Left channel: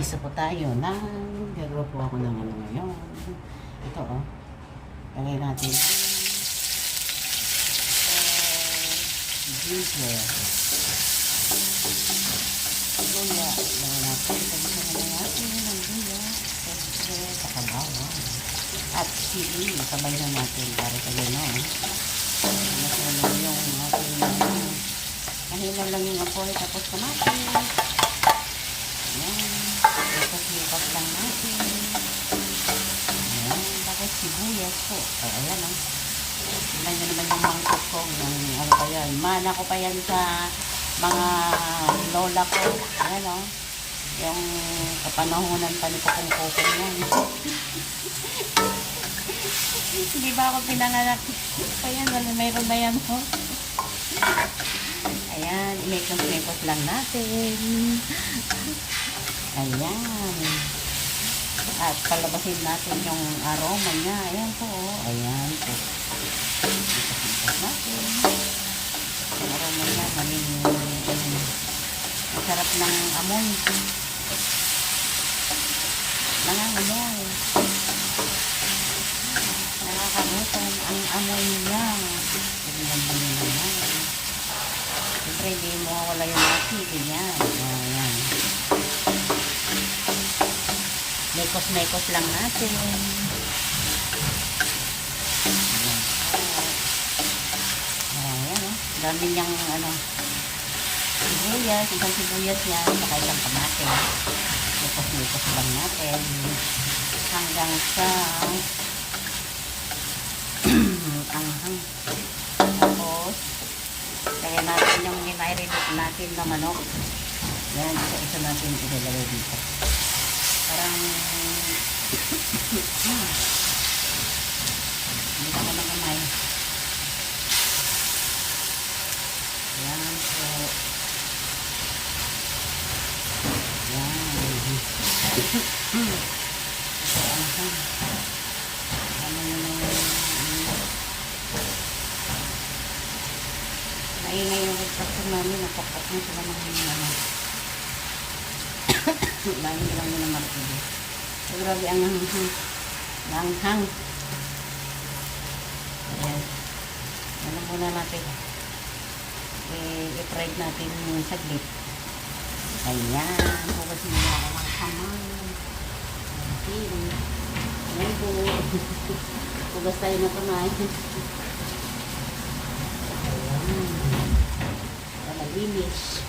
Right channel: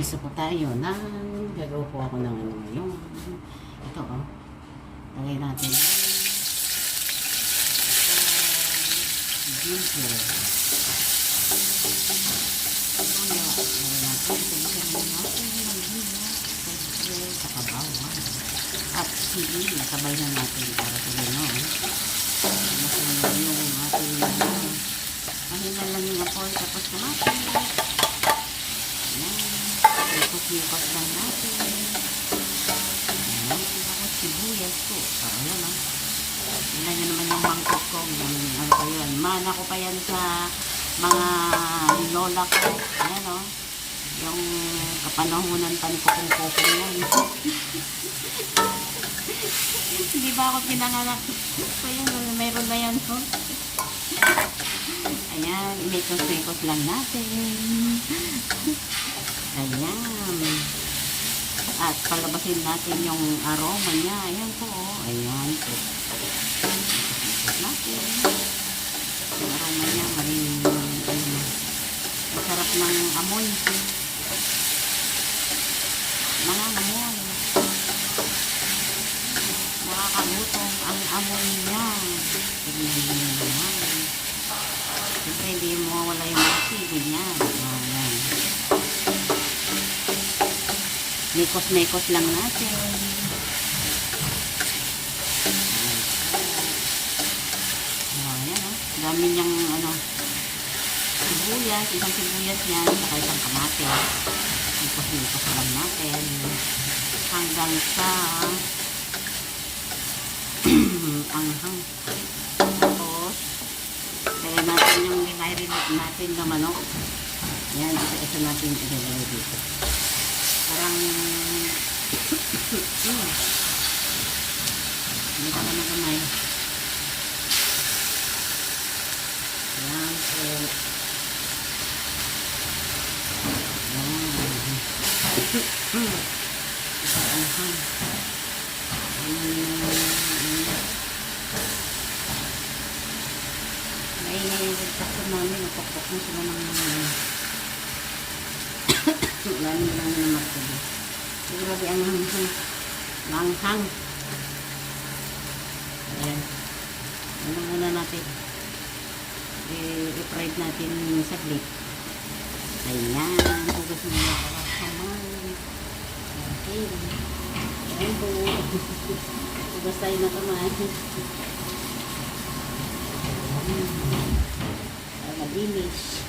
Maggigisa po tayo ng gagawa po ako ng ano ngayon. Ito oh. Lagay natin. Ginger. Luya. Lagay natin. Lagay natin ng luya. Saka bawang. At sili. Sabay na natin para sabay na. Masarap yung ating pahinga lang yung apoy. Tapos kamatin. Ipas lang natin. Ayan. Tapos sibuyas po. O, ayan ah. Tingnan nyo naman yung mangkok ko. Yung ano pa yan. Mana ko pa yan sa mga lola ko. Ayan ah. Yung kapanahonan pa ni Kakong-Kokong yan. Hindi ba ako pinanganak? So yan, mayroon na yan. Oh. Ayan. Imekos-mekos lang natin. Ayan. At palabasin natin yung aroma niya. Ayan po. Ayan po. Natin. Yung aroma niya. Masarap ng amoy. Nangangamoy. Nakakagutan ang amoy niya. Tignan mo naman. Hindi mo wala yung asin niya. Ayan. Mekos-mekos lang natin. Ayan o. Dami niyang ano, sibuyas. Isang sibuyas yan. Saka isang kamate. Mekos-mekos lang natin. Hanggang sa anghang. Tapos, kaya natin yung ginairinit natin na manok. Ayan. Isa natin ito dito. Parang hindi ka naman umay. Ayan po. Ay, ngayon kasi namin napapatong ko naman lagi lang yung magtubo. So, grabe ang langhang. Ano muna natin. I-fried natin saglit. Ayan. Tapos muna ako ng kamay. Okay. Ayan po. Tapos tayo na kumain. Ayan. Malinis.